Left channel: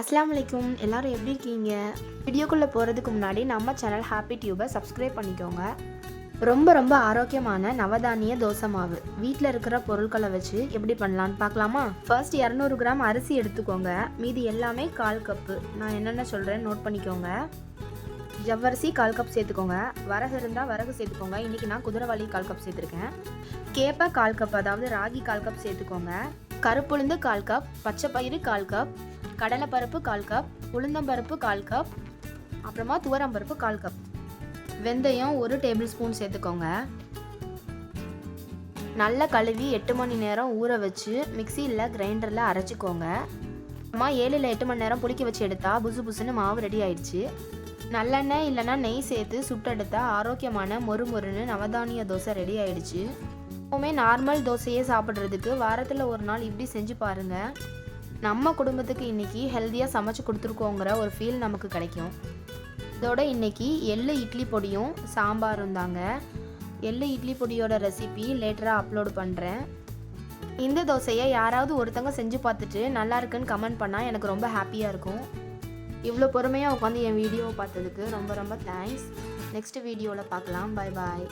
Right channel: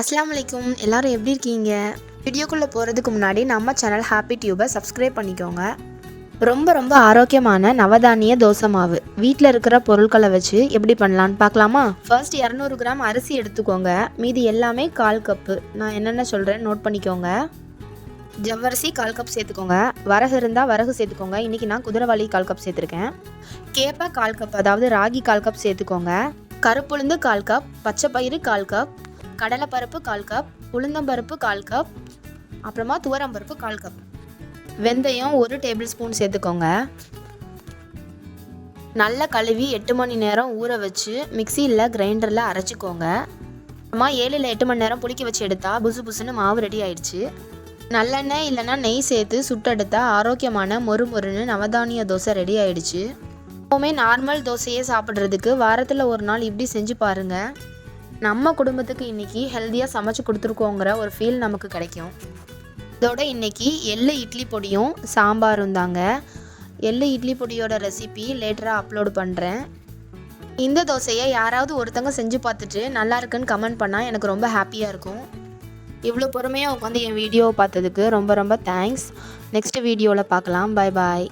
அஸ்லாம் வலைக்கும் எல்லாரும் எப்படி இருக்கீங்க? வீடியோக்குள்ளே போகிறதுக்கு முன்னாடி நம்ம சேனல் ஹாப்பி டியூபை சப்ஸ்கிரைப் பண்ணிக்கோங்க. ரொம்ப ரொம்ப ஆரோக்கியமான நவதானிய தோசை மாவு. வீட்டில் இருக்கிற பொருட்களை வச்சு எப்படி பண்ணலான்னு பார்க்கலாமா? ஃபர்ஸ்ட் இரநூறு கிராம் அரிசி எடுத்துக்கோங்க. மீதி எல்லாமே கால் கப்பு. நான் என்னென்ன சொல்கிறேன் நோட் பண்ணிக்கோங்க. ஜவ்வரிசி கால் கப் சேர்த்துக்கோங்க. வரகு இருந்தால் வரகு சேர்த்துக்கோங்க. இன்றைக்கி நான் குதிரைவாளி கால் கப் சேர்த்துருக்கேன். கேப்பை கால் கப் அதாவது ராகி கால் கப் சேர்த்துக்கோங்க. கருப்புளுந்து கால் கப் பச்சை பயிறு கால் கப் கடலைப்பருப்பு கால் கப் உளுந்தம்பருப்பு கால் கப் அப்புறமா துவரம்பருப்பு கால் கப். வெந்தயம் ஒரு டேபிள் ஸ்பூன் சேர்த்துக்கோங்க. நல்லா கழுவி எட்டு மணி நேரம் ஊற வச்சு மிக்சியில் கிரைண்டரில் அரைச்சிக்கோங்க. அப்புறமா ஏழு இல்லை எட்டு மணி நேரம் புளிக்க வச்சு எடுத்தால் புசு புசுன்னு மாவு ரெடி ஆயிடுச்சு. நல்லெண்ணெய் இல்லைன்னா நெய் சேர்த்து சுட்டெடுத்தா ஆரோக்கியமான மொறு மொறுன்னு நவதானிய தோசை ரெடி ஆயிடுச்சு. எப்போவுமே நார்மல் தோசையே சாப்பிட்றதுக்கு வாரத்தில் ஒரு நாள் இப்படி செஞ்சு பாருங்கள் நம்ம குடும்பத்துக்கு இன்றைக்கி ஹெல்த்தியாக சமைச்சு கொடுத்துருக்கோங்கிற ஒரு ஃபீல் நமக்கு கிடைக்கும். இதோட இன்றைக்கி எள்ளு இட்லி பொடியும் சாம்பாரும் தாங்க. எள்ளு இட்லி பொடியோட ரெசிபி லேட்டராக அப்லோடு பண்ணுறேன் இந்த தோசையை யாராவது ஒருத்தங்க செஞ்சு பார்த்துட்டு நல்லா இருக்குன்னு கமெண்ட் பண்ணால் எனக்கு ரொம்ப ஹாப்பியாக இருக்கும். இவ்வளோ பொறுமையாக உட்காந்து என் வீடியோவை பார்த்ததுக்கு ரொம்ப ரொம்ப தேங்க்ஸ் நெக்ஸ்ட் வீடியோவில் பார்க்கலாம். Bye bye